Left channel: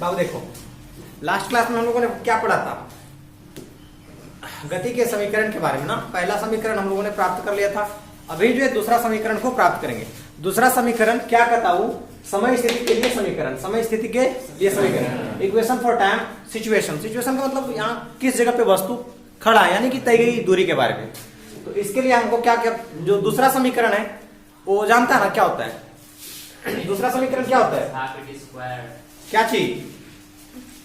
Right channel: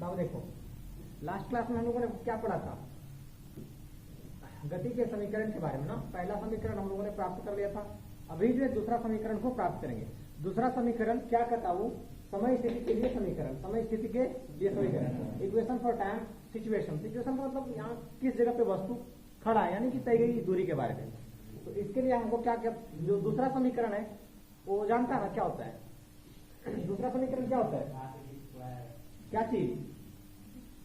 बाबू देखो, last class में हम लोगों ने क्या पढ़ा था, गति के समीकरण के बारे में ना। पहला समीकरण हम लोगों ने प्राप्त कर लिया था। अभी जो है दूसरा समीकरण को प्राप्त करेंगे। दूसरा समीकरण क्या कहता हूं, समय स्थिति के लिए समीकरण, समय स्थिति के लिए समीकरण, equation for time situation. Situation का मतलब यहाँ किस जगह पे वस्तु खड़ा है, यानी कि तय गई दूरी के बारे में। तो इसके लिए हमको क्या क्या, जो दूसरा समीकरण है वो जानता है ना क्या होता है। दूसरा समीकरण क्या होता है, क्या चीज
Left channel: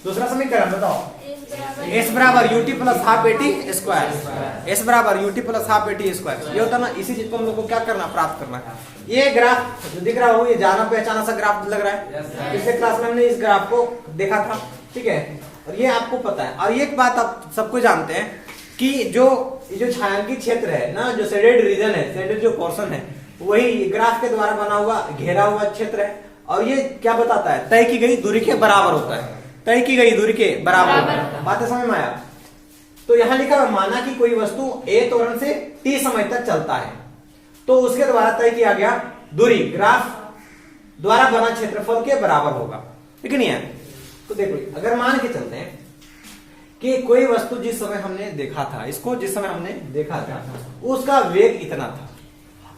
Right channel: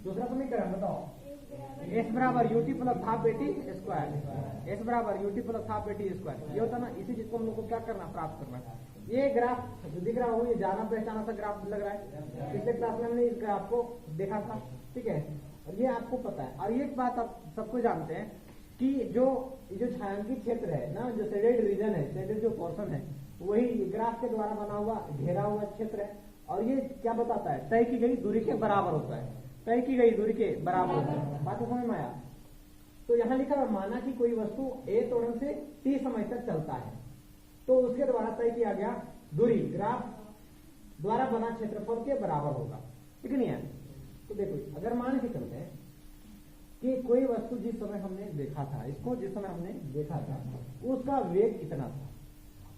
दूसरा समीकरण बताओ। s बराबर UT plus half eighty square, s बराबर UT plus half eighty square. ये होता है ना, इसी चीज को हम लोग को क्या करना, प्राप्त करना है। ये ग्राफ जो दिख रहा हो, ये जाना पहचाना सा ग्राफ लग रहा है। पिछले क्लास में हमने इस ग्राफ को देखा था, ठीक है। और ये आपको पता है। और एक बात आप सबको जानते हैं कि जो छायांकित क्षेत्र है ना, जो शेडेड रीजन है, शेडेड जो पोर्शन है, वही ग्राफ के द्वारा बना हुआ घेरा हुआ क्षेत्र है। और ये क्या बताता है, तय की गई दूरी के बराबर होता है, तय की गई दूरी के बराबर। बातें समझ में आया। तो यहां लिखा है, माना कि कोई वस्तु a त्वरण से t समय तक चलता है, तो उसके द्वारा तय किया गया दूरी ग्राफ द्वारा बना क्षेत्रफल के बराबर होगा, ठीक नहीं है। तो देखो, अगर मान के चलते हैं कि कोई वस्तु जिस समय हमने देखा था, इसको जिस समय हमने देखा था, उसका वेग इतना था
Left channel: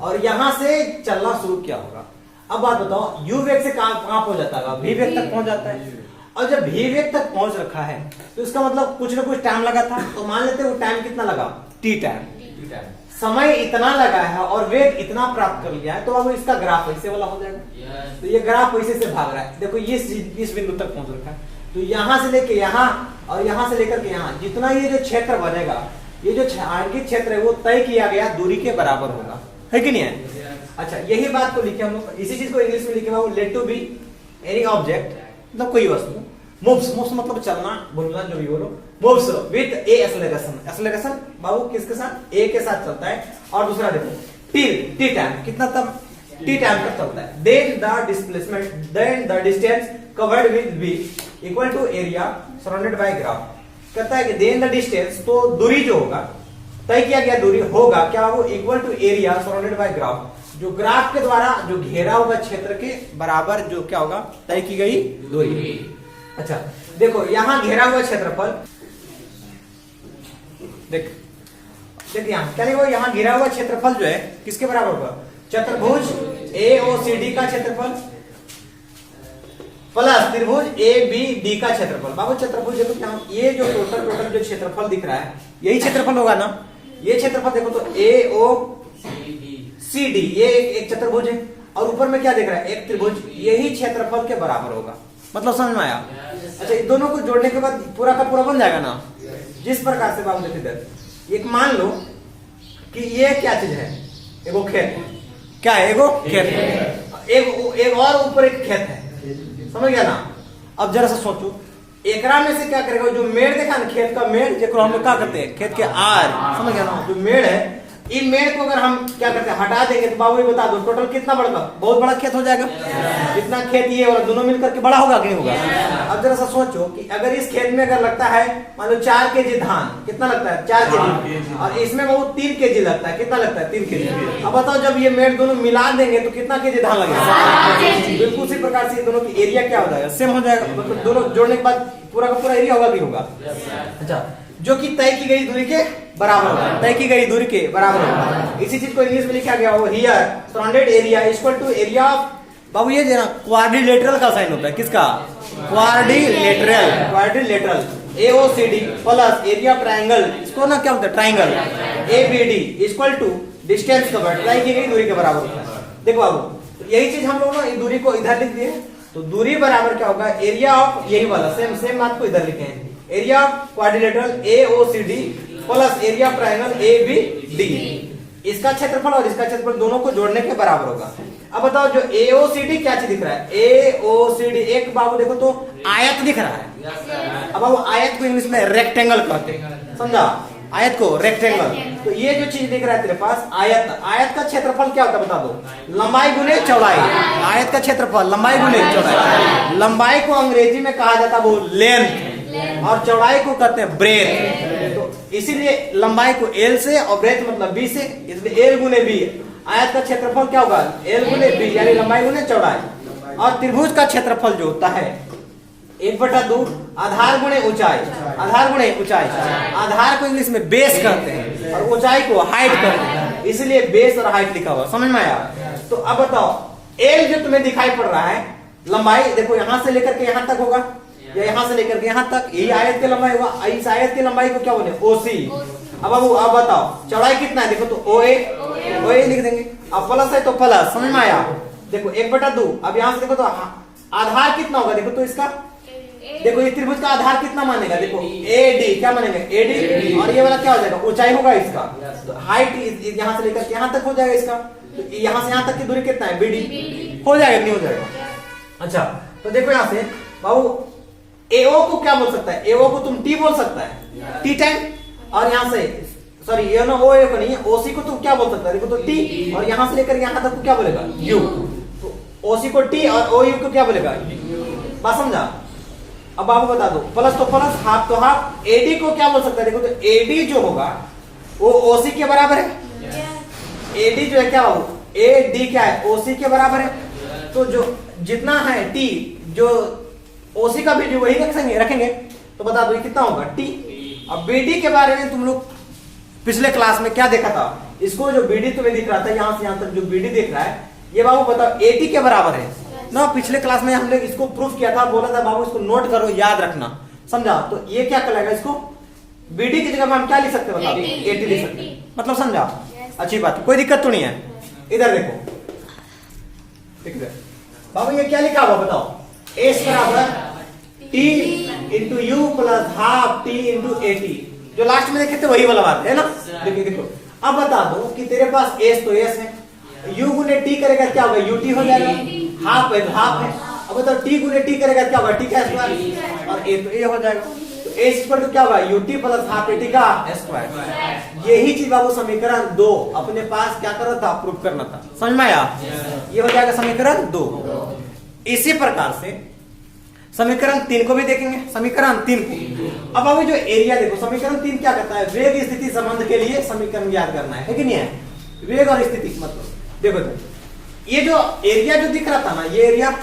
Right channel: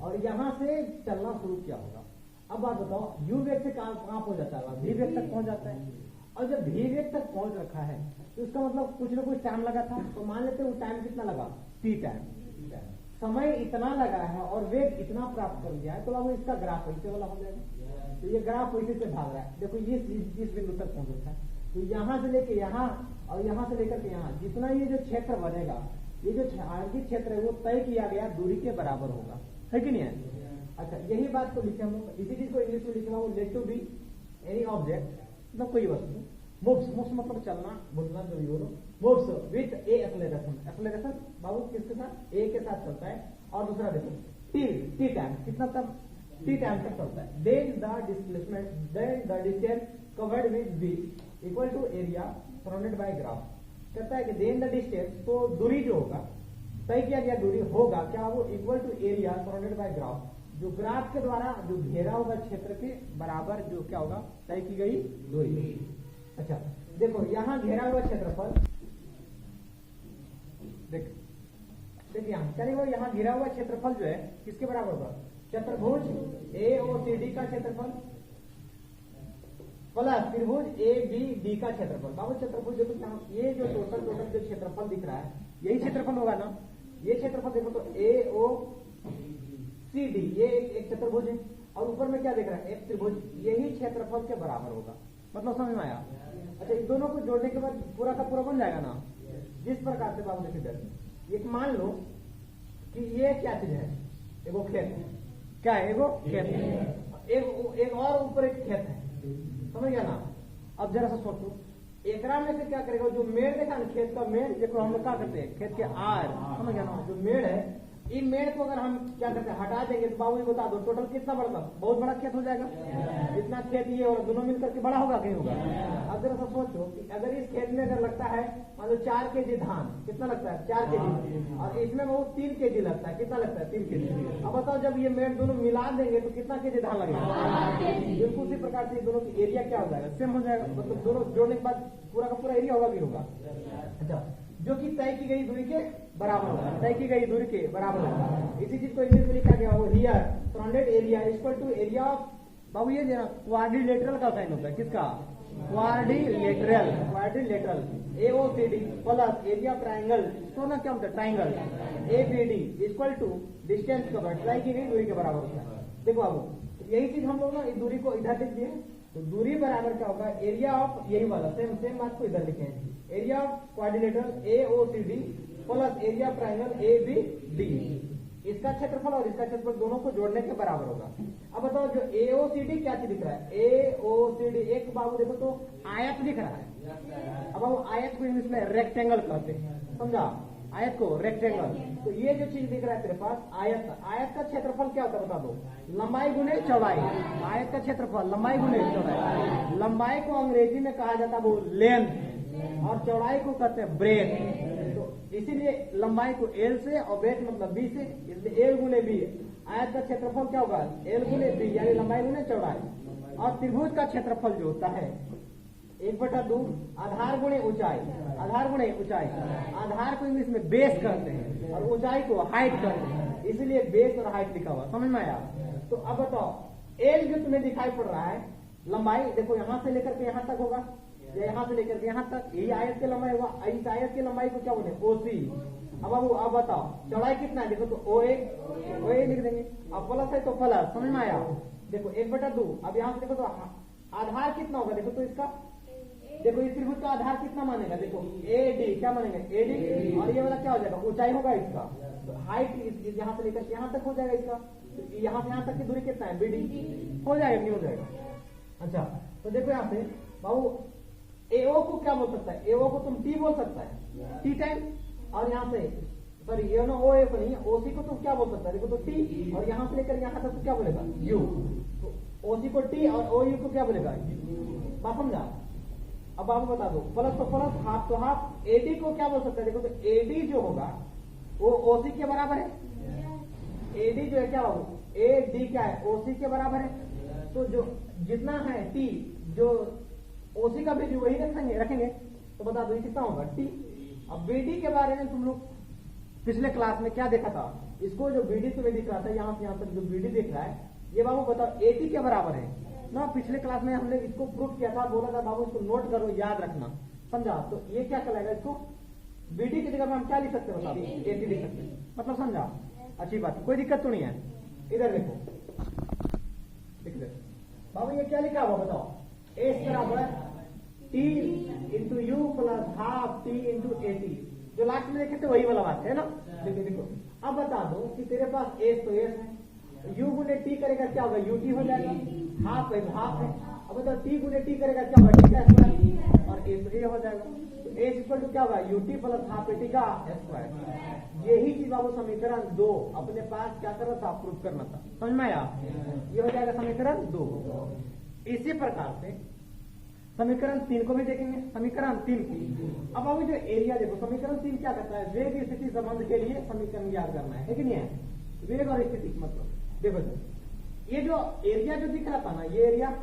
और यहां से चलना शुरू किया होगा। अब बात बताओ, u वेग से कहां पहुंच जाता है, v वेग तक पहुंच जाता है। और जब v वेग तक पहुंच रखा है तो इसका मतलब कुछ ना कुछ टाइम लगा था। तो मान लेते हैं वो टाइम कितना लगा, t टाइम। समय इतना लगा है और वेग इतना प्राप्त कर लिया है, तो अब इसका ग्राफ ऐसे वाला हो जाएगा। तो ये ग्राफ ऐसे से भाग रहा है। देखो, ये इस बिंदु तक पहुंच रखा है, तो यहां से लेके यहां और यहां से लेकर के यहां, जितना ये जो क्षेत्र बनेगा, ये जो छायांकित क्षेत्र है, वो तय किया गया दूरी के बराबर होगा, है कि नहीं है। अच्छा, यही बात को लिखे हम लोग, इसी चीज को इंग्लिश में लिखे हुआ, let to be any object, मतलब कोई वस्तु मूव्स, मूव्स मतलब चलना, बोलना, जो भी बोलो, moves with a acceleration. Acceleration बाबू किसके साथ, ए के साथ चलता है। और दूसरा देखो, टी टाइम, कितना तब, टी टाइम तक चलता है। Then the displacement, then the distance covered with be equal to area surrounded by graph. कहता है कि देन द डिस्टेंस, तो दूरी जो होगा, तय किया गया दूरी होगा क्या, वो equal to area surrounded by graph, जो ग्राफ के द्वारा जो घेरा हुआ क्षेत्र के बराबर जो क्या होगा, तय की गई दूरी। अच्छा देखो, यहां घेरा हुआ क्षेत्रफल, देख यहां क्या लिखा, यहां घेरा हुआ क्षेत्रफल जो है किसके बराबर होगा, चतुर्भुज AOCD का क्षेत्रफल प्लस त्रिभुज ABD का क्षेत्रफल। बाबू चतुर्भुज देखो क्या, ये जो टोटल जो क्षेत्रफल दिख रहा है, यही क्षेत्रफल होगा ना। ये क्षेत्रफल देखो तो AOCD, ये एक चतुर्भुज है, और ऊपर में क्या दिख रहा है, एक त्रिभुज, यही क्षेत्रफल के बराबर होगा। मतलब समझ में आया। अच्छा, इन दोनों को जोड़ने के बाद पूरा का पूरा बन जाएगा ना। जिस प्रकार से बाबू देखिए, इधर एक मान लो कि ये क्या चीज है, एगो खेत, क्या है, एगो खेत, एक और ऊपर एक खेत है, समझ गया ना। अब जरा सा सोचो, एकरा में से क्या करेगा, जो मेड़ देखा ना, खेत का मेड़, जिसको हम लोग क्या करते हैं, खेत के आर, समझ गया ना, जो मेड़ है, इन मेड़ को अगर हम क्या करते हैं, हटा देंगे, तो बाबू ये बता दो टोटल कितना बढ़ेगा, बहुत बड़ा खेत हो जाएगा। इतना खेत ये और दोनों मिलकर के बड़ा होगा कि नहीं होगा। अब जरा सा सोचो कि अगर इस खेत में अगर लगता है मान लो 4 kg धान, कितना लगता है, 4 kg, और इसमें बहुत 3 kg लगता है, कितना लगता है, 3 kg। अब बताओ, जब ये मेड़ दोनों मिला देंगे तो कितना kg धान लगेगा। बिल्कुल उसी प्रकार से दोनों की एरिया क्या हो जाएगा, सेम हो जाएगा। मतलब दोनों जोड़ने के बाद पूरा का पूरा एरिया होगा कि होगा। अच्छा, जो कि तय की गई दूरी के बराबर होगा, तय की गई दूरी के बराबर होगा। इसी चीज को इंग्लिश में लिखा गया हो, here surrounded area equal to area of, बाबू ये ना क्वाड्रिलेटरल का साइन होता है, किसका, quadrilateral, quadrilateral AOCD plus area triangle, इसको ना क्या होता है, triangle ABD equal to distance covered, तय की गई दूरी के बराबर होता है। देखो बाबू, यही चीज हम लोग ना इस दूरी को इधर लिख दिए, तो दूरी बराबर क्या होगा, एरिया ऑफ, यही वाला सेम बात को इधर लिखे हैं, area of quadrilateral AOCD plus area triangle ABD, इसका क्षेत्रफल और इसका क्षेत्रफल दोनों को जोड़ने के बराबर होगा। अब बताओ, जो AOCD क्या चीज दिख रहा है, AOCD एक बाबू देखो तो आयत दिख रहा है। अब बाबू आयत को इंग्लिश में रेक्टेंगल कहते हैं, समझा, आयत को रेक्टेंगल। तो ये जो चीज दिख रहा है तेरे पास, आयत, आयत का क्षेत्रफल क्या होता है बता दो, लंबाई गुने चौड़ाई। आयत का क्षेत्रफल लंबाई गुने चौड़ाई। लंबाई को अंग्रेजी में कहा जाता है वो लेंथ, और चौड़ाई को कहते हैं ब्रेथ। तो इसीलिए लंबाई को L से और ब्रेथ मतलब B से, इसलिए L गुने B। आयत का क्षेत्रफल क्या होगा, L गुने B, यानी लंबाई गुने चौड़ाई। और त्रिभुज का क्षेत्रफल जो होता है 1/2 आधार गुणे ऊंचाई, आधार गुणे ऊंचाई। आधार को इंग्लिश में बेस कहते हैं और ऊंचाई को हाइट कहते हैं, इसलिए बेस और हाइट लिखा हुआ, समझ में आया। तो अब बताओ एल जो तुम्हें दिखाई पड़ रहा है, लंबाई देखो यहां से लेकर के यहां तक होगा या यहां से लेकर के यहां तक, यही आयत की लंबाई होगा। इस आयत की लंबाई को क्या बोले, ओसी। अब बताओ चौड़ाई कितना है, देखो तो ओए लिख देंगे। अब प्लस है तो प्लस, समझ में आया। देखो 1/2, अब यहां से देखो तो आधार कितना होगा, देखो तो इसका, देखो ये त्रिभुज का आधार कितना मानेगा, देखो एडी, क्या मानेगा एडी, और ये वाला क्या हो जाएगा, ऊंचाई होगा इसका। तो हाइट यहां से लेकर यहां तक हो जाएगा इसका, तो यहां से यहां तक की दूरी कितना है, बीडी, हो जाएगा नहीं हो जाएगा। अच्छा तो देखो यहां से बाबू एओ को क्या बोल सकता है, एओ को तुम टी बोल सकता है, टी टाइम, और यहां से सॉरी ये ना ओ को नहीं है, ओसी को तुम क्या बोल सकता है, देखो तो टी, और यहां से लेकर यहां तक को क्या बोलेगा, यू। तो ओसी को टी और ओ यू को क्या बोलेगा, बात समझा। अब आपको बता दो प्लस तो प्लस, हाफ तो हाफ। एडी को क्या बोल सकता है, देखो तो एडी जो होगा वो ओसी के बराबर है। एडी जो है क्या हो, एडी क्या है, ओसी के बराबर है। तो जो जितना है टी, जो ओसी का भी वही रखेंगे, तो बता दो ये कितना होगा, टी। अब बीडी के बारे में तुम लोग पिछले क्लास में क्या देखा था, इसको जो बीडी तुम्हें दिख रहा था यहां से यहां तक जो बीडी दिख रहा है, ये बाबू बताओ एटी के बराबर है ना। पिछले क्लास में हमने इसको प्रूफ किया था, बोला था बाबू इसको नोट करो, याद रखना, समझा। तो ये क्या कहलाएगा, इसको बीडी की जगह में हम क्या लिख सकते हैं, बताओ 80 लिख सकते हैं, मतलब समझा। अच्छी बात, कोई दिक्कत तो नहीं है। इधर देखो बाबू ये क्या लिखा हुआ बताओ, एस बराबर T into you plus half T into eighty, जो लास्ट में देखे थे वही वाला बात है ना। देखिए देखो अब बता दो कि तेरे पास एस तो एस है, यू गुने टी करेगा क्या होगा, यूटी हो जाएगा, हाफ है तो हाफ है। अब बताओ टी गुने टी करेगा क्या होगा, टी का स्क्वायर, और ए तो ए हो जाएगा। तो ए स्क्वायर तो क्या होगा, यूटी प्लस हाफ एटी का स्क्वायर। यही चीज बाबू समीकरण 2 अपने पास क्या करना था, प्रूफ करना था, समझ में आया। ये हो जाएगा समीकरण 2। इसी प्रकार से समीकरण 3 को भी देखेंगे, समीकरण 3 को। अब अभी जो एरिया देखो, समीकरण 3 क्या कहता है, वेग स्थिति संबंध के लिए समीकरण याद करना है कि नहीं है, वेग और स्थिति मतलब। देखो तो ये जो एरिया जो दिख रहा था ना, ये एरिया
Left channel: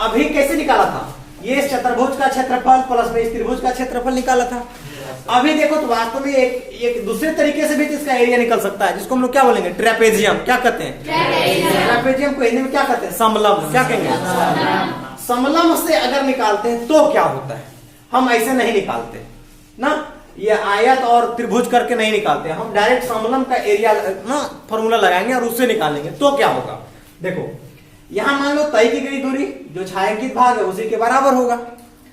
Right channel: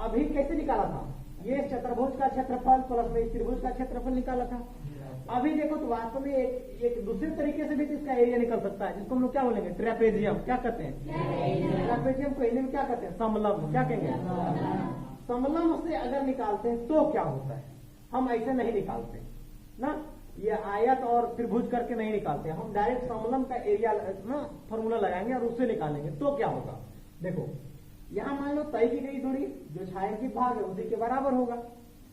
अभी कैसे निकाला था, ये इस चतुर्भुज का क्षेत्रफल प्लस में इस त्रिभुज का क्षेत्रफल निकाला था। अभी देखो तो वास्तव में एक दूसरे तरीके से भी इसका एरिया निकल सकता है, जिसको हम लोग क्या बोलेंगे, ट्रेपेजियम। क्या कहते हैं, ट्रेपेजियम को हिंदी में क्या कहते हैं, समलंब। क्या कहेंगे, समलंब से अगर निकालते हैं तो क्या होता है, हम ऐसे नहीं निकालते ना, ये आयत और त्रिभुज करके नहीं निकालते, हम डायरेक्ट समलंब का एरिया ना फॉर्मूला लगाएंगे और उससे निकालेंगे। तो क्या होगा, देखो यहां मान लो तय की गई दूरी जो छायांकित भाग है उसी के बराबर होगा।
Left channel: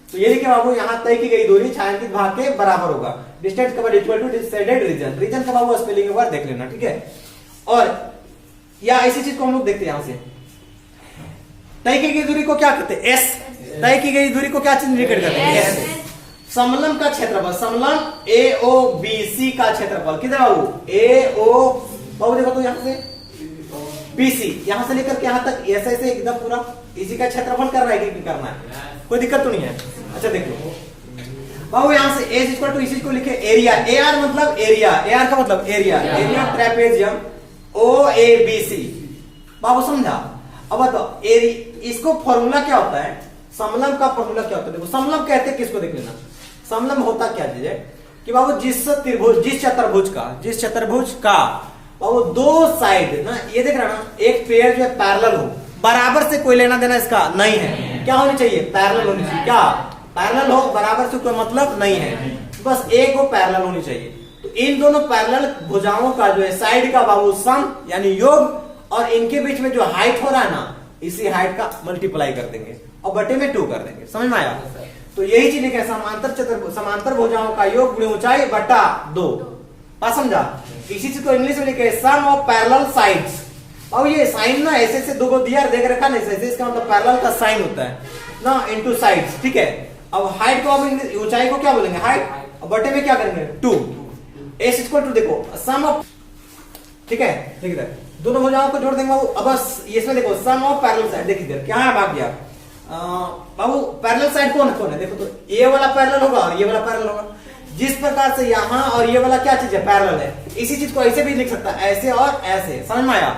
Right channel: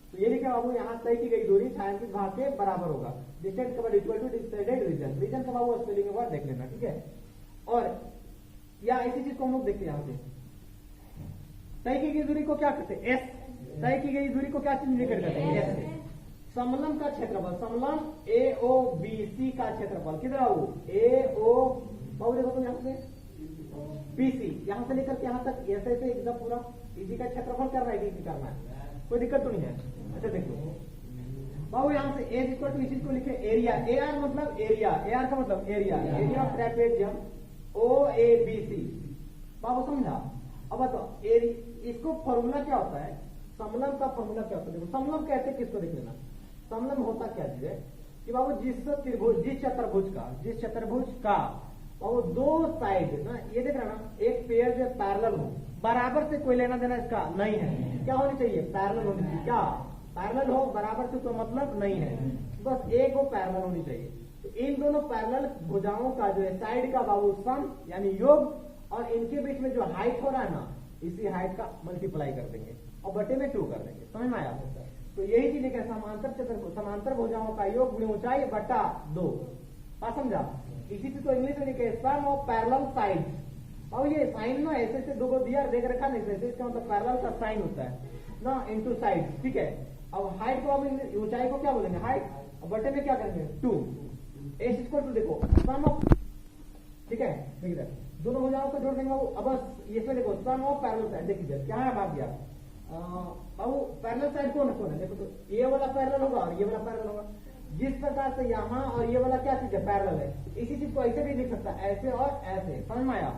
तो ये लिखे बाबू, यहाँ तय की गई दूरी छायांकित भाग के बराबर होगा। Distance covered equal to decided region, region का बाबू स्पेलिंग एक बार देख लेना, ठीक है। और या ऐसी चीज को हम लोग देखते हैं, यहां से तय की गई दूरी को क्या कहते हैं, एस। तय की गई दूरी को क्या चीज इंडिकेट करते हैं, एस। समलंब का क्षेत्रफल, समलंब ए ओ बी सी का क्षेत्रफल किधर बाबू, ए ओ बाबू देखो तो यहां से बीसी, यहां से लेकर के यहां तक ऐसे ऐसे एकदम पूरा इसी का क्षेत्रफल करना है कि करना है, कोई दिक्कत तो नहीं है। अच्छा देखो बाबू यहां से एस इक्वल टू इसी को लिखे एरिया, ए आर मतलब एरिया, ए आर का मतलब area, area of trapezium O A B C. बाबू समझा। अब बताओ इसको फॉर्मूला क्या होता है, समलंब का फॉर्मूला क्या होता है, देखो समलंब कहते हैं किसको, देख लेना। समलंब होता क्या चीज है कि बाबू जिस चतुर्भुज का बाबू दो साइड ना, ये देख रहा ना, एक पेयर जो है पैरेलल हो, बराबर से कोई लेना देना इसका नहीं है, क्या होनी चाहिए, पैरेलल होनी चाहिए। क्या पैरेलल हो, बराबर से कोई मतलब नहीं है, बस एक वो पैरेलल होनी चाहिए। तो इन दोनों पैरेलल भुजाओं का जो है साइड का बाबू सम यानी योग, और इनके बीच में जो हाइट हो रहा है ना, इसी हाइट का मल्टीप्लाई कर देंगे और बटे में 2 कर देंगे, समझ में आया। तो यही चीज है समांतर भुजाओं का योग गुणे ऊंचाई बटा 2, बात समझा। इसी चीज को इंग्लिश में लिखे सम ऑफ पैरेलल साइड्स। और ये साइन ना ऐसे ऐसे 2 को दिया देख रखा नहीं, ऐसे इसका मतलब पैरेलल का साइन होता है ना, इनटू साइड्स, ठीक है। अब हाइट को, अब ऊंचाई को क्या बोलेंगे, हाइट, और बटे में क्या करेंगे 2। एस इक्वल टू देखो सम ऑफ, ठीक है, देखिए दोनों भुजाओं को जोड़ देंगे। अब बस इसमें देखो सम ऑफ पैरेलल साइड, देखिए क्या है भाग गया बाबू, पैरेलल साइड कौन कौन है, देखो तो ये वाला पैरेलल होगा और ये वाला पैरेलल होगा। जिस प्रकार से यहाँ और ये वाला क्या चीज है, पैरेलल है, इसी चीज को ऐसे भी लिख सकता है, ऐसे और ऐसे, समझ में आया।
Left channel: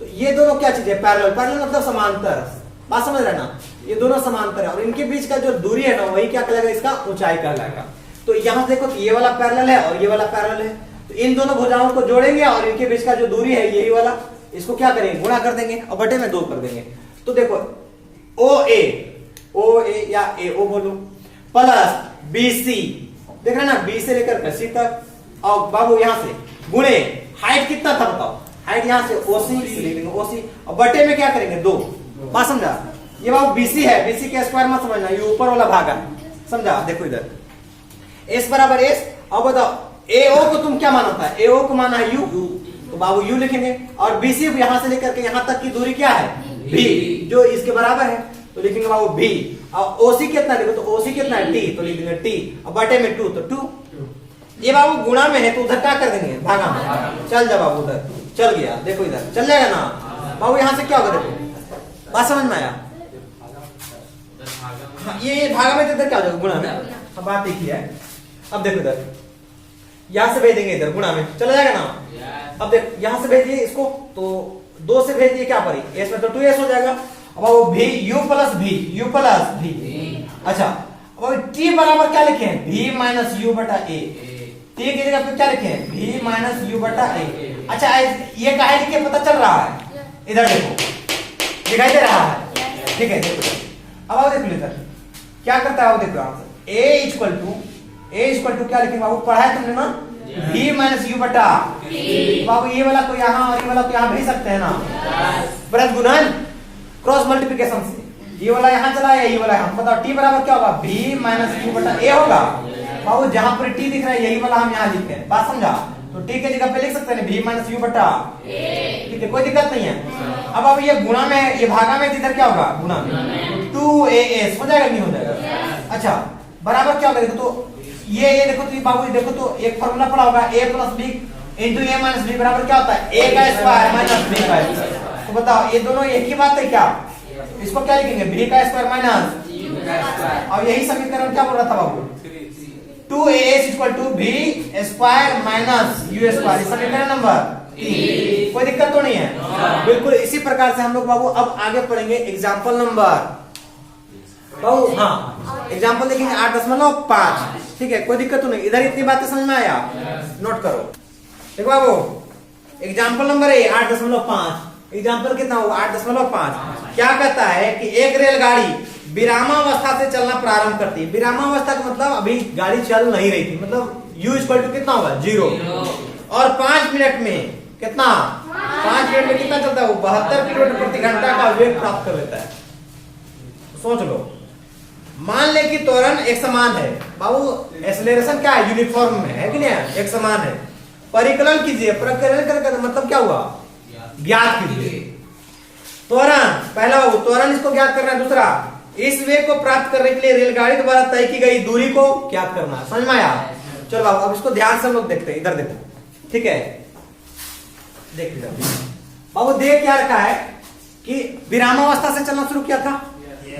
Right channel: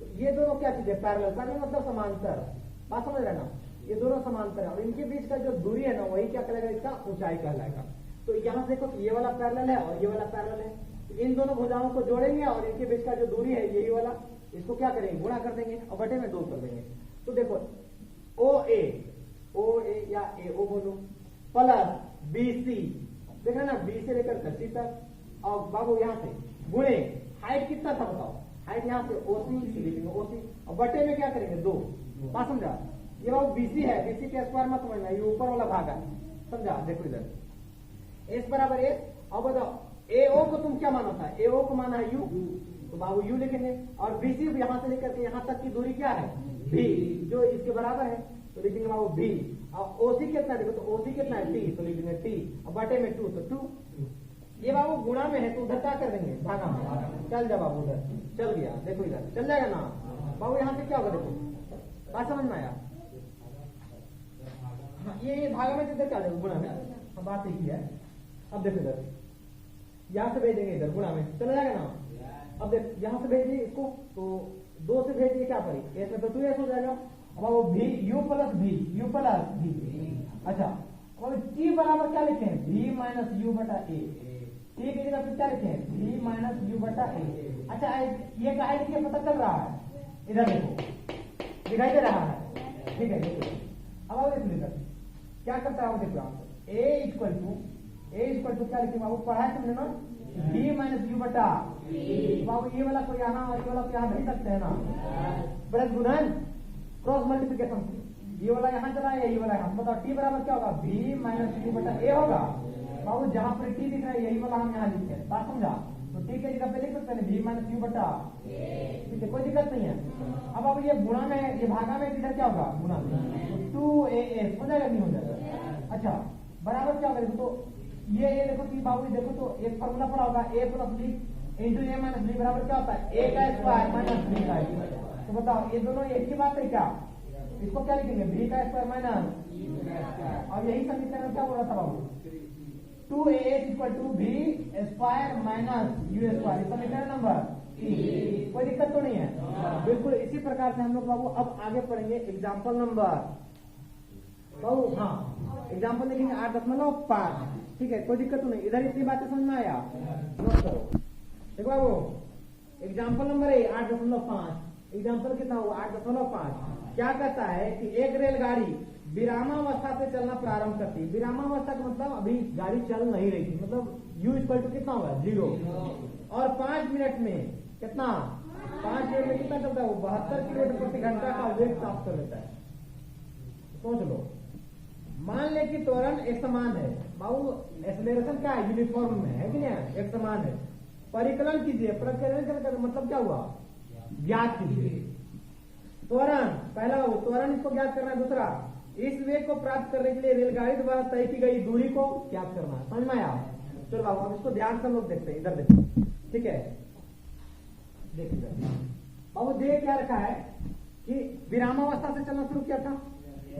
तो ये दोनों क्या चीज है, पैरेलल। पैरेलल मतलब समांतर, बात समझ रहे ना, ये दोनों समांतर है और इनके बीच का जो दूरी है ना वही क्या कहलाएगा, इसका ऊंचाई कहलाएगा। तो यहाँ देखो तो ये वाला पैरेलल है और ये वाला पैरेलल है, तो इन दोनों भुजाओं को जोड़ेंगे और इनके बीच का जो दूरी है यही वाला, इसको क्या करेंगे, गुणा कर देंगे और बटे में 2 कर देंगे। तो देखो ओ ए या ए ओ बोलो प्लस BC, देख रहे ना, B से लेकर C तक, और बाबू यहाँ से गुणे हाइट कितना था बताओ, हाइट यहाँ से OC लिखेंगे OC और बटे में क्या करेंगे 2। बात समझा, ये बाबू BC है, BC के स्क्वायर मत समझना, ये ऊपर वाला भाग है, समझा। देखो इधर S बराबर S, अब बताओ AO को तुम क्या माना था, AO को माना है U, तो बाबू U लिखेंगे और BC यहाँ से लेकर के यहाँ तक की दूरी क्या है B, जो इसके बराबर है, तो लिखेंगे बाबू B। और OC कितना लिखो, तो OC कितना है T, तो लिखेंगे T और बटे में 2, तो 2। ये बाबू गुणा में है तो उधर क्या कर देंगे, भागा में। चल जा बाबू, उधर चल गया, देखो इधर चल जाएगा ना बाबू, यहाँ से क्या होगा देखो, बात समझ में आया। ये भागा में इधर क्या हो जाएगा, गुणा में, अब बात एक ही है। अब देखो इधर यहां से भेजेंगे इधर गुणा में, चला जाएगा ना। अब देख यहां से भेजिए इसको, तो 2 से भेजिए क्या पड़ी, S में तो 2S हो जाएगा। अब वो भी U प्लस V, अच्छा अब T बराबर क्या लिखे हैं, V माइनस U बटा A, T की जगह पे क्या लिखे हैं, V माइनस U बटा A। अच्छा ये काहे लिखे पता चल रहा है, इधर देखो दिखाई दे रहा है, ठीक है देखो। अब आओ देखो इधर क्या करता है, देखो आंसर A इक्वल टू क्या लिखेंगे बाबू, पढ़ा है तुमने ना, V माइनस U बटा बाबू, ये वाला को यहाँ और ये वाला को यहाँ भेज सकते हैं ना, ब्रज गुणन क्रॉस मल्टीप्लिकेशन से, ये वाला यहाँ चला है, ये वाला यहाँ, बताओ T बराबर क्या होगा, V माइनस U बटा A होगा बाबू। जहां पर T दिख रहा है यही वाला हम यहाँ लिखते हैं, बात समझा। तो T के जगह पे लिख सकते हैं V माइनस U बटा, ठीक है कोई दिक्कत नहीं है। अब ये गुणा में, ये भागा में, इधर क्या होगा गुणा में, 2AS हो जाएगा, नहीं हो जाएगा। अच्छा बराबर क्या होगा, देखो तो ये देखो तो बाबू देखो तो एक फार्मूला पड़ा होगा, A plus B into A minus B बराबर क्या होता है, A का स्क्वायर माइनस B का स्क्वायर। तो बताओ ये दोनों एक ही बात है क्या, इसको क्या लिखेंगे, B का स्क्वायर माइनस U का स्क्वायर, और यही समीकरण क्या बोल रहा था बाबू, 2AS equal to B square minus U square, समीकरण नंबर 3। कोई दिक्कत तो नहीं है, बिल्कुल इसी प्रकार से हम लोग बाबू अब आगे पढ़ेंगे एग्जाम्पल नंबर बाबू, हाँ एग्जाम्पल देखेंगे 8.5, ठीक है कोई दिक्कत तो नहीं। इधर इतनी बातें समझ में आया, नोट करो। देखो बाबू एग्जाम्पल नंबर 8.5, एग्जाम्पल कितना होगा 8.5। क्या कहता है कि एक रेलगाड़ी विरामावस्था से चलना प्रारंभ करती है। विरामावस्था का मतलब अभी गाड़ी चल नहीं रही थी, मतलब U इक्वल टू कितना होगा 0, और 5 मिनट में कितना, 5 मिनट में कितना चलता है वो 72 किलोमीटर प्रति घंटा का वेग प्राप्त कर लेता है। सोच लो, मान ले कि त्वरण एक समान है बाबू, एक्सेलरेशन क्या है यूनिफॉर्म में है कि नहीं, एक समान है। परिकलन कीजिए, परिकलन का मतलब क्या हुआ, ज्ञात कीजिए त्वरण, पहला बाबू त्वरण इसको ज्ञात करना है, दूसरा इस वेग को प्राप्त करने के लिए रेलगाड़ी द्वारा तय की गई दूरी को ज्ञात करना है। समझ में आया, चलो बाबू अब इसको ध्यान से हम लोग देखते हैं, इधर देखो, ठीक है देख लीजिए बाबू, देख क्या रखा है कि विरामावस्था से चलना शुरू किया था।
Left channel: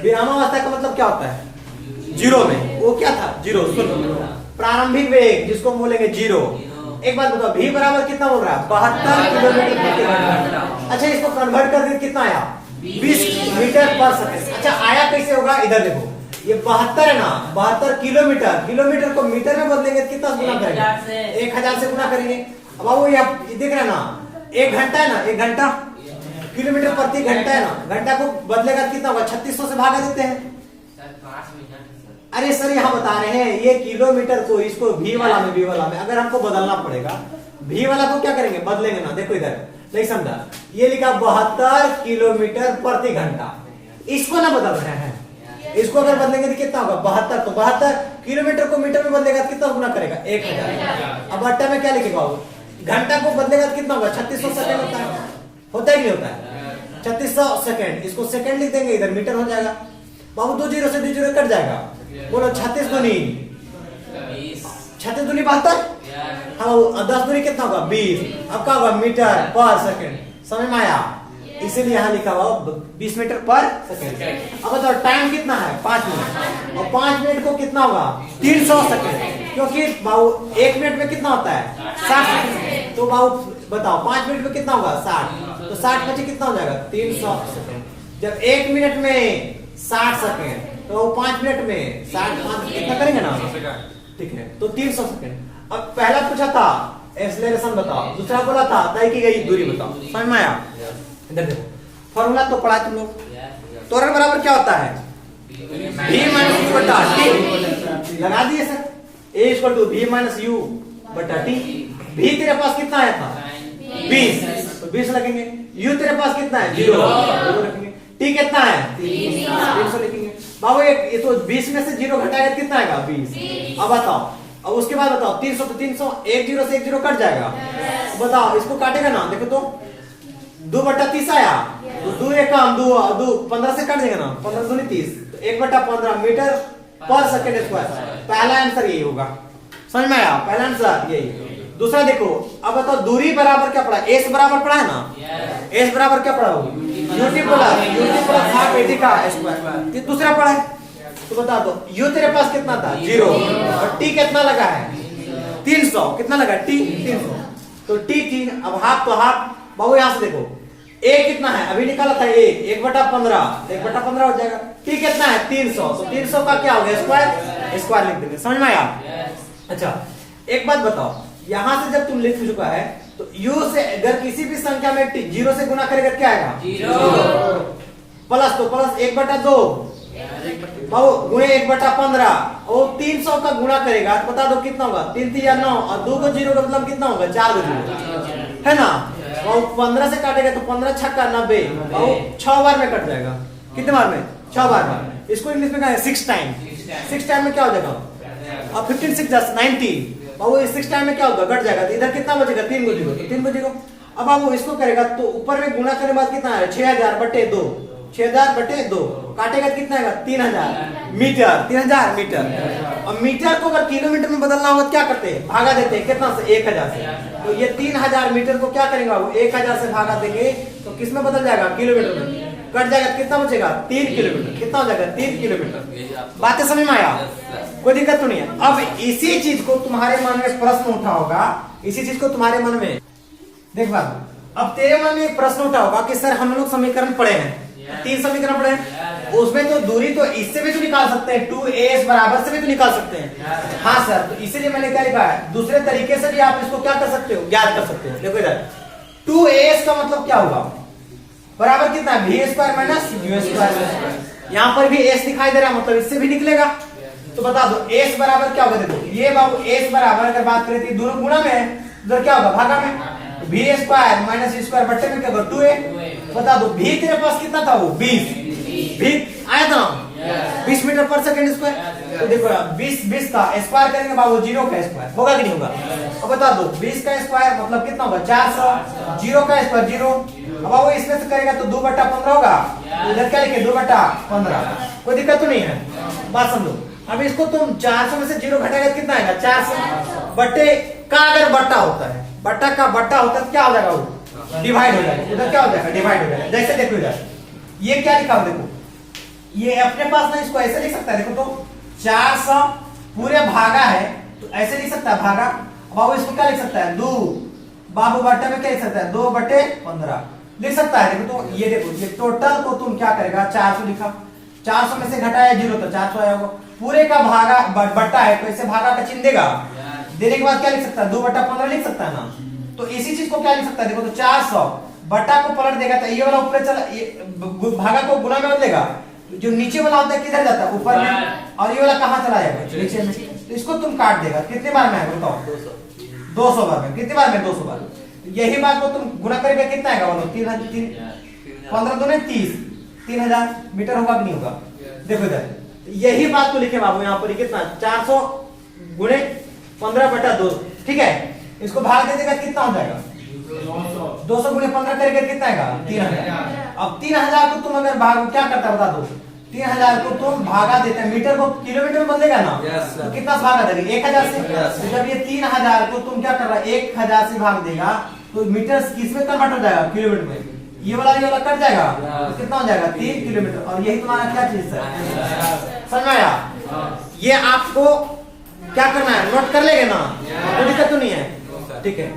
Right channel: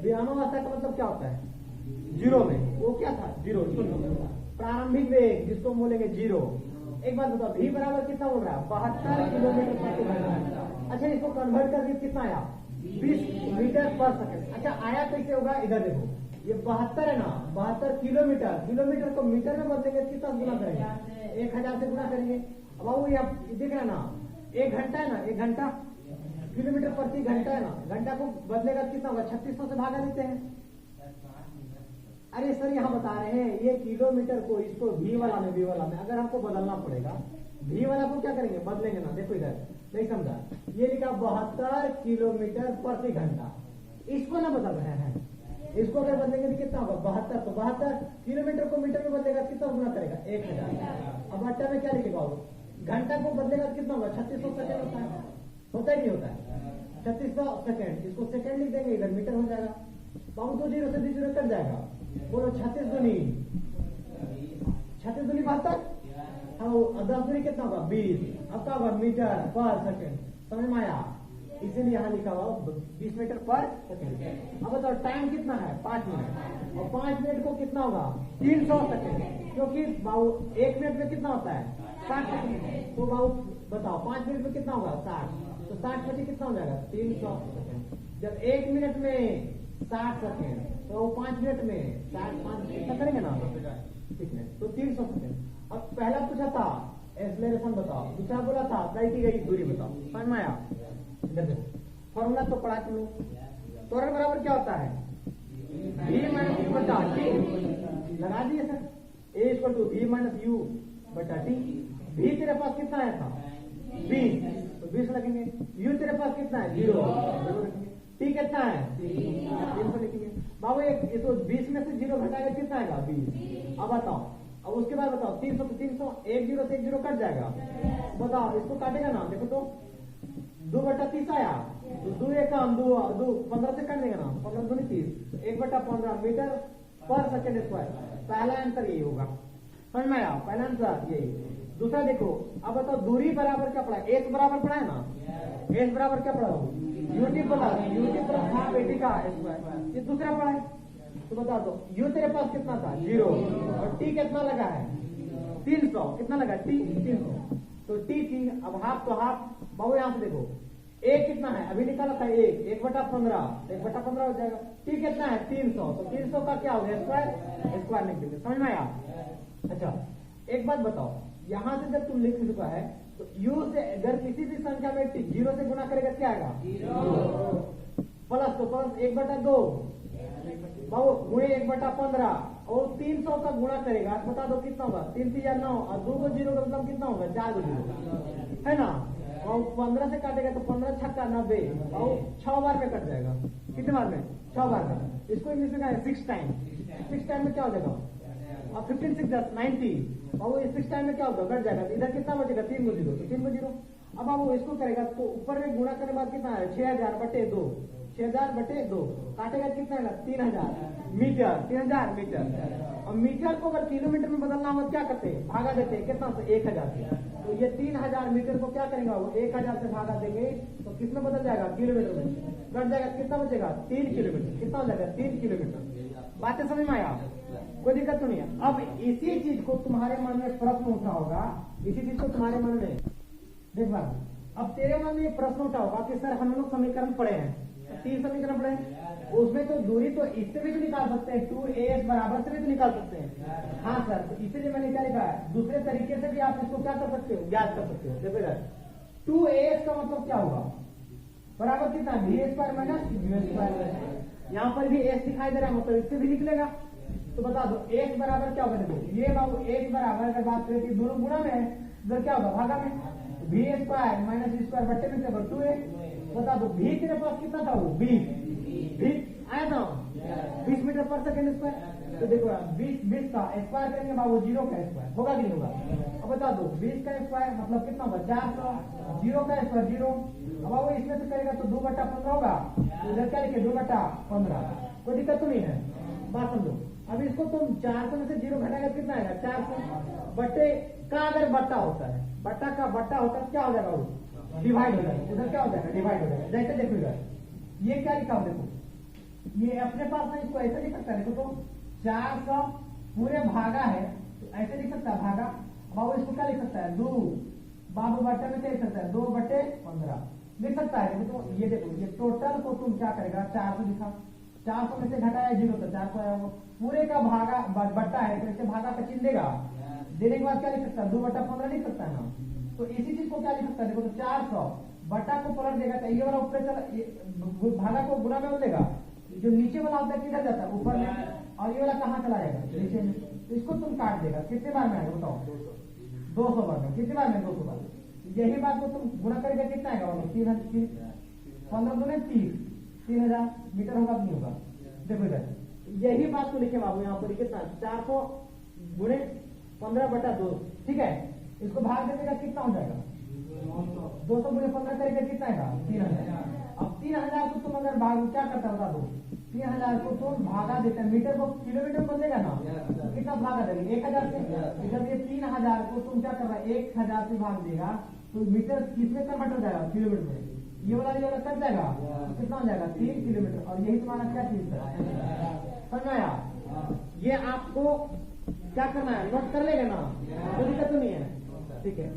विरामावस्था का मतलब क्या होता है, 0 में, वो क्या था 0, प्रारंभिक वेग जिसको बोलेंगे 0। एक बात बताओ V बराबर कितना बोल रहा है, 72 किलोमीटर प्रति घंटा। अच्छा इसको कन्वर्ट कर दिया कितना आया, 20 मीटर पर सेकंड। अच्छा आया कैसे होगा, इधर देखो ये 72 है ना, 72 किलोमीटर, किलोमीटर को मीटर में बदलेंगे कितना गुना करेंगे, 1000 से गुना करेंगे। अब वो ये देख रहे हैं ना, 1 घंटा है ना, 1 घंटा किलोमीटर प्रति घंटा है ना, घंटा को बदलेगा कितना होगा, 3600 से भागा देते हैं। अरे सर यहाँ बता रहे हैं ये किलोमीटर को, इसको V वाला में, V वाला में अगर हमको बदलना पड़ेगा, V वाला को क्या करेंगे, बदलेंगे ना। देखो इधर नहीं समझा, ये लिखा 72 किलोमीटर प्रति घंटा, इसको ना बदल रहे हैं, इसको अगर बदलेंगे तो कितना होगा 72, तो 72 किलोमीटर को मीटर में बदलेगा कितना गुना करेगा, 1000। अब अट्टा में क्या लिखेगा, घंटा को बदलेगा तो कितना होगा, 3600 सेकंड होता है कि नहीं होता है, 3600 सेकंड, इसको सेकंड लिख देंगे, इधर मीटर हो जाएगा बाबू, 2 0 से 2 0 कट जाएगा, बोलो 36 दूनी 72, हाँ 10 दूनी कितना होगा 20, अब क्या होगा मीटर पर सेकंड। समझ में आया, इसीलिए यहाँ लिखा हुआ 20 मीटर पर सेकंड। अब बताओ टाइम कितना है 5 मिनट, और 5 मिनट को कितना होगा 300 सेकंड, क्योंकि बाबू 1 मिनट में कितना होता है 60, तो बाबू बताओ 5 मिनट में कितना होगा 60, तो 60 बचे कितना हो जाएगा 300 सेकंड। जब 1 मिनट में 60 सेकेंड तो 5 मिनट में 60 कितना करेंगे ना, ठीक है। तो 300 सेकेंड। अब पहला पूछा था एक्सेलरेशन बताओ, दूसरा बोला था तय की गई दूरी बताओ। समझ में आया? इधर देखो फॉर्मूला तो पढ़ा तुम लोग। त्वरण बराबर क्या होता है? v माइनस u बटा t। लगा दिए sir, a equal to v minus u बटा t। v तेरे पास कितना आया था? 20, तो 20 लगेंगे। u तेरे पास कितना है? 0 रखेंगे। t कितना है? 300 लिखेंगे। बाबू ये तो 20 में से 0 घटाएगा कितना आएगा? 20। अब बताओ, अब उसके बाद बताओ 300 तो 300, 1 0 से 1 0 कट जाएगा। बताओ इसको काटेगा ना, देखो तो 2 बटा 30 आया, तो 2 एक काम 2 15 से कट जाएगा ना, 15 दूनी 30, तो 1 बटा 15 मीटर पर सेकंड स्क्वायर। पहला आंसर यही होगा। समझ में आया? पहला आंसर यही। दूसरा देखो, अब बताओ दूरी बराबर क्या पड़ा? एस बराबर पड़ा है ना, एस बराबर क्या पड़ा? यूटी प्लस हाफ एटी का स्क्वायर। ये दूसरा पड़ा है, तो बता दो यू तेरे पास कितना था? 0, और टी कितना लगा है? 300। कितना लगा? टी 300, तो टी 3। अब हाफ तो हाफ। बाबू यहां से देखो ए कितना है? अभी निकाला था ए, 1 बटा 15, 1 बटा 15 हो जाएगा। टी कितना है? 300, तो 300 का क्या हो गया? स्क्वायर, स्क्वायर लिख देंगे। समझ में आया? अच्छा एक बात बताओ, यहां से जब तुम लिख चुका है तो u से अगर किसी भी संख्या में 0 से गुना करेगा क्या आएगा? 0। प्लस तो प्लस 1 बटा 2 बाबू गुणे 1 बटा 15, और 300 का गुणा करेगा तो बता दो कितना होगा? 3 3 या 9, और 2 को 0 का मतलब कितना होगा? 4 को 0 है ना। और 15 से काटेगा तो 15 छक्का 90, और 6 बार में कट जाएगा। कितने बार में? 6 बार में। इसको इंग्लिश में कहा है 6 टाइम। 6 टाइम में क्या हो जाएगा? अब 15 6 10 90। बाबू 6 टाइम में क्या होगा? कट जाएगा, तो इधर कितना बचेगा? 3 को 0, तो 3 को 0। अब बाबू इसको करेगा तो ऊपर में गुणा करने के बाद कितना है? 6000 बटे 2, 6000 बटे 2 काटेगा कितना आएगा? 3000 मीटर, 3000 मीटर। और मीटर को अगर किलोमीटर में बदलना होगा क्या करते हैं? भागा देते हैं। कितना से? 1000 से। तो ये 3000 मीटर को क्या करेंगे बाबू? 1000 से भागा देंगे तो किस में बदल जाएगा? किलोमीटर में। कट जाएगा, कितना बचेगा? 3 किलोमीटर। कितना हो जाएगा? 3 किलोमीटर। बातें समझ में आया? कोई दिक्कत तो नहीं है। अब इसी चीज को तुम्हारे मन में प्रश्न उठा होगा, इसी चीज को तुम्हारे मन में देख बात, अब तेरे मन में प्रश्न उठा होगा कि सर हम लोग समीकरण पढ़े हैं, 3 समीकरण पढ़े हैं, उसमें तो दूरी तो इससे भी तो निकाल सकते हैं, 2as बराबर से भी तो निकाल सकते हैं। हाँ सर, तो इसीलिए मैंने क्या लिखा है, दूसरे तरीके से भी आप इसको क्या कर सकते हो? ज्ञात कर सकते हो। देखो इधर 2as का मतलब क्या होगा? बराबर कितना है? v square minus u square. यहाँ पर भी s दिखाई दे रहा है, मतलब इससे भी निकलेगा। तो बता दो s बराबर क्या होगा? देखो ये बाबू s बराबर अगर बात करें तो दोनों गुणा में है, उधर क्या होगा? भागा में। v square minus u square बट्टे में क्या होगा? 2a। बता दो v तेरे पास कितना था? वो 20 v आया था 20 मीटर पर सेकंड स्क्वायर। तो देखो 20 का स्क्वायर करेंगे बाबू 0 का स्क्वायर होगा कि नहीं होगा? अब बता दो 20 का स्क्वायर मतलब कितना होगा? 400। 0 का स्क्वायर 0। अब बाबू इसमें से करेगा तो 2 बटा 15 होगा। इधर क्या लिखे? 2 बटा 15। कोई दिक्कत तो नहीं है? बात समझो। अब इसको तुम 400 में से 0 घटाएगा तो कितना आएगा? 400 बट्टे का अगर बट्टा होता है, बट्टा का बट्टा होता है तो क्या हो जाएगा? वो डिवाइड हो जाएगा। उधर क्या हो जाएगा? डिवाइड हो जाएगा। जैसे देखो इधर ये क्या लिखा हो? देखो ये अपने पास ना इसको ऐसे लिख सकता है। देखो तो 400 पूरे भागा है तो ऐसे लिख सकता है भागा। बाबू इसको क्या लिख सकता है? 2 बाबू बट्टे में क्या लिख सकता है? 2 बटे 15 लिख सकता है। देखो तो ये देखो ये टोटल को तुम क्या करेगा? 400 लिखा, 400 में से घटाया 0 तो 400 आया होगा। पूरे का भागा बट्टा है तो ऐसे भागा का चिन्ह देगा। देने के बाद क्या लिख सकता है? 2 बटा 15 लिख सकता है ना। तो इसी चीज को क्या लिख सकता है? देखो तो 400 बट्टा को पलट देगा तो ये वाला ऊपर चला, ये भागा को गुना में बदलेगा। जो नीचे वाला होता है किधर जाता है? ऊपर में। और ये वाला कहाँ चला जाएगा? नीचे में। तो इसको तुम काट देगा। कितने बार में आएगा बताओ? 200 बार में। कितने बार में? 200 बार। यही बात को तुम गुना करेगा कितना आएगा? बोलो 15 दूने 30, 3000 मीटर होगा कि नहीं होगा? देखो इधर यही बात को लिखे बाबू यहाँ पर कितना? 400 गुणे 15 बटा 2। ठीक है, इसको भाग दे देगा कितना हो जाएगा? 200 गुणे 15 करेगा कितना आएगा? 3000। अब 3000 को तुम अगर भाग क्या करता है बता दो? 3000 को तुम भागा देते हैं, मीटर को किलोमीटर में बदलेगा ना। तो कितना से भागा देगा? 1000 से। तो जब ये 3000 को तुम क्या कर रहा है? 1000 से भाग देगा तो मीटर किसमें कन्वर्ट हो जाएगा? किलोमीटर में। ये वाला कट जाएगा तो कितना हो जाएगा? 3 किलोमीटर। और यही तुम्हारा क्या चीज है? समझ में आया? ये आपको क्या करना है? नोट कर लेंगे ना, कोई दिक्कत तो नहीं है? ठीक है।